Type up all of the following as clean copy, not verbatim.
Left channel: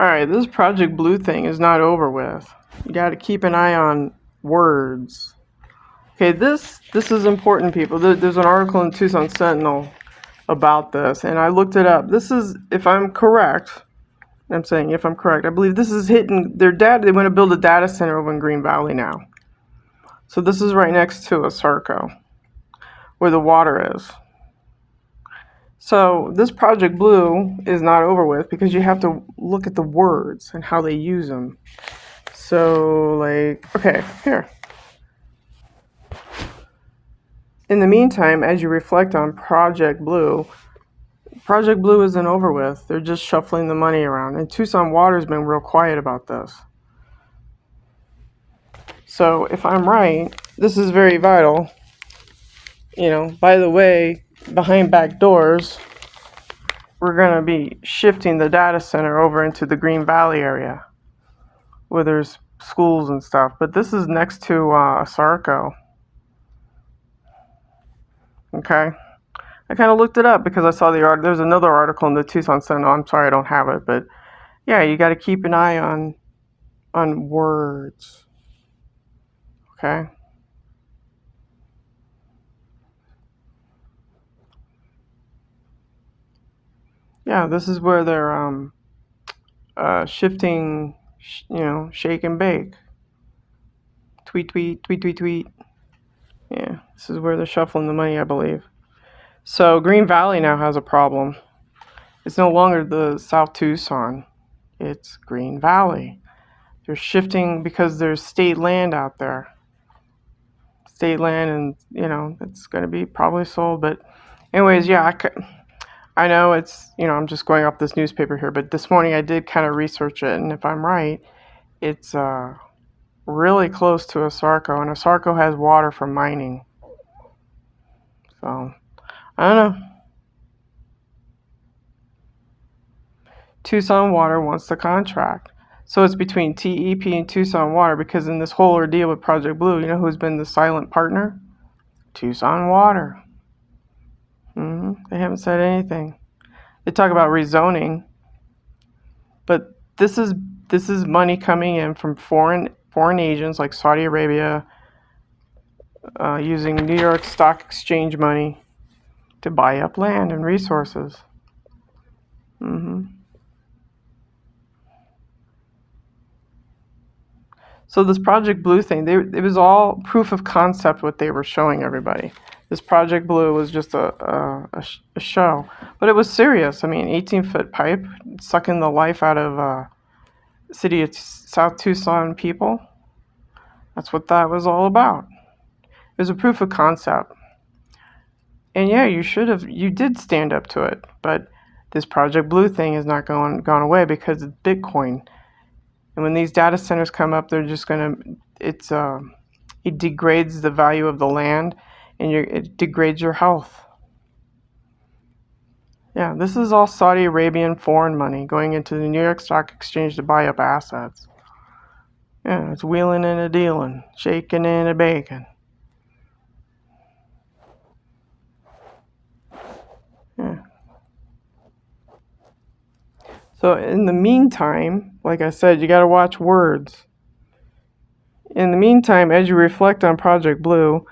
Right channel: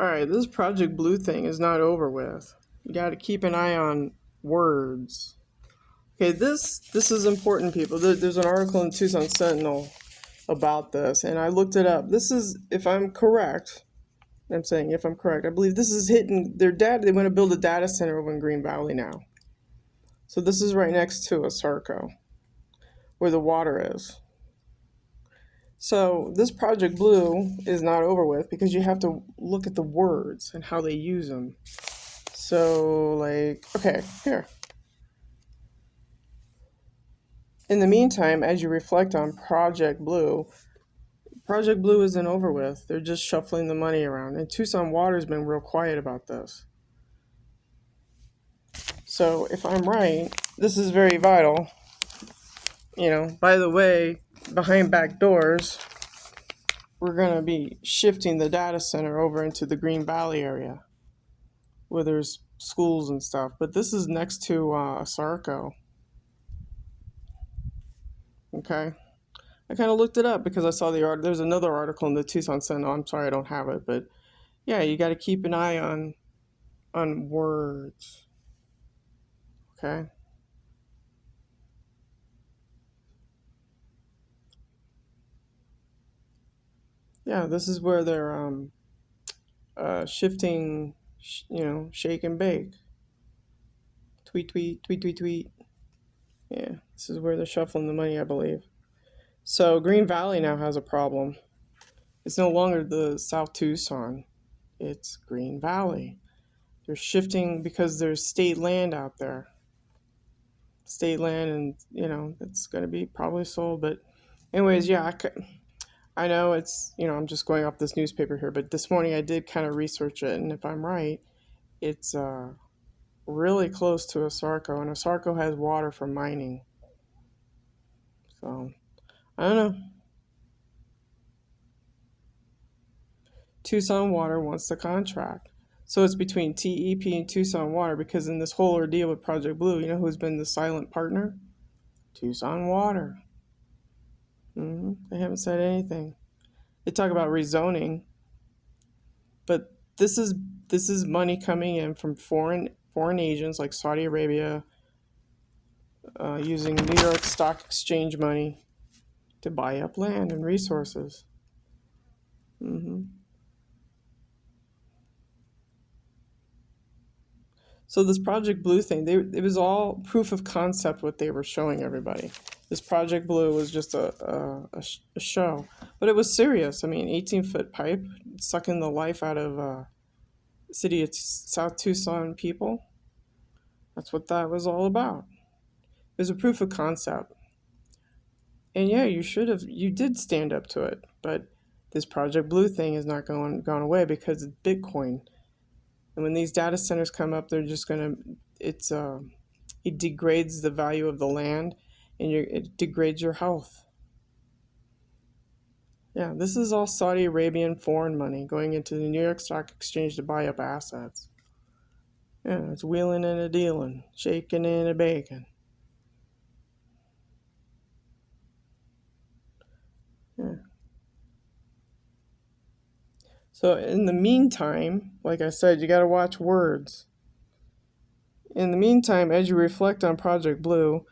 Alright, this Project Blue thing is not over with. You gotta keep an eye on words. Okay, this is important, people. There's an article in Tucson Sentinel about this, and I looked it up. This is, if I'm correct, I'm saying if I'm correct, I believe this is hitting their data. They want to build a data center over in Green Valley now. So this is right next to ASARCO, where the water is. So this Project Blue is not over with because you have to look at the words and how they use them. So, like, okay, here. In the meantime, as you reflect on Project Blue isn't over with. They're just shuffling the money around. And Tucson Water's been real quiet about this. So, if I'm right, this is very vital. You know, by the way, behind back doors, we're going to be shifting the data center over into the Green Valley area where there's schools and stuff. But this is next to ASARCO. Okay. I kind of looked it up because I saw the art. There's another article in the Tucson Sentinel. I'm sorry I don't have it, but yeah, you got to keep an eye on words. Okay. Yeah, this is where they're shifting, shake and bake. Tweet, tweet, tweet, tweet, tweet. Yeah, this is where they're shuffling the money, I believe. So Green Valley now has a problem. It's no longer the South Tucson. It's Green Valley. They're shifting because there's state land out there. State land, and it's going to be probably sold. But anyways, yeah, I know it's, I'm just going off this newspaper here, but this morning I did kind of research it, and if I'm right, it's really close to ASARCO, and ASARCO has water from mining. So, I don't know. Tucson Water wants the contract. So it's between TEP and Tucson Water, because in this whole ordeal with Project Blue, you know who's been the silent partner? Tucson Water. They haven't said anything. They talk about rezoning, but this is money coming in from foreign agents like Saudi Arabia, using New York Stock Exchange money to buy up land and resources. So this Project Blue thing, it was all proof of concept what they were showing everybody. This Project Blue was just a show, but it was serious. I mean, 18-foot pipe sucking the life out of city of South Tucson people. That's what that was all about. It was a proof of concept. And yeah, you did stand up to it, but this Project Blue thing is not gone away because it's Bitcoin. And when these data centers come up, they're just it degrades the value of the land, and it degrades your health. Yeah, this is all Saudi Arabian foreign money going into the New York Stock Exchange to buy up assets. Yeah, it's wheeling and a dealing, shaking and a baking. Yeah. So in the meantime, like I said, you got to watch words. In the meantime, as you reflect on Project Blue,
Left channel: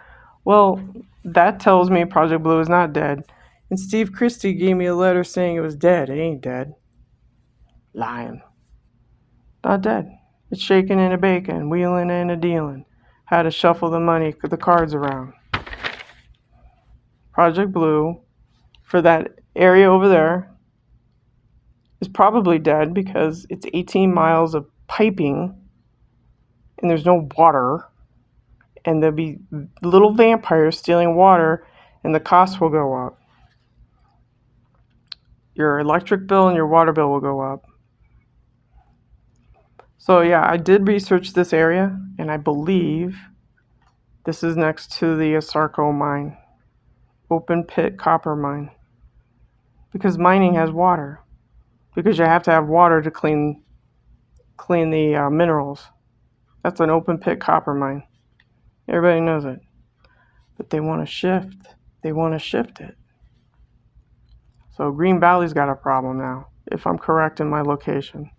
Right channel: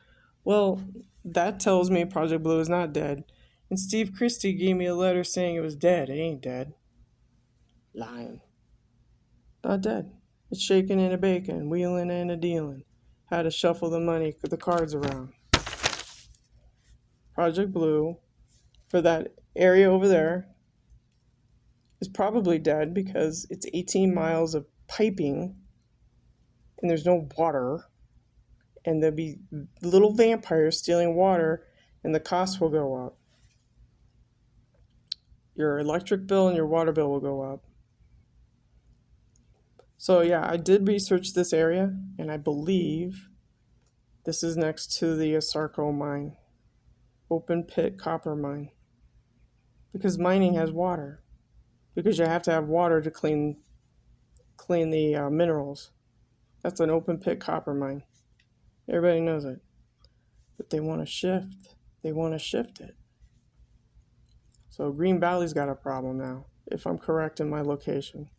well, that tells me Project Blue is not dead. And Steve Christie gave me a letter saying it was dead. It ain't dead. Lying. Not dead. It's shaking and a baking, wheeling and a dealing. How to shuffle the money, the cards around. Project Blue, for that area over there, is probably dead because it's 18 miles of piping and there's no water. And there'll be little vampires stealing water, and the cost will go up. Your electric bill and your water bill will go up. So yeah, I did research this area, and I believe this is next to the ASARCO mine, open pit copper mine, because mining has water, because you have to have water to clean the minerals. That's an open pit copper mine. Everybody knows it, but they want to shift. They want to shift it. So Green Valley's got a problem now, if I'm correct in my location.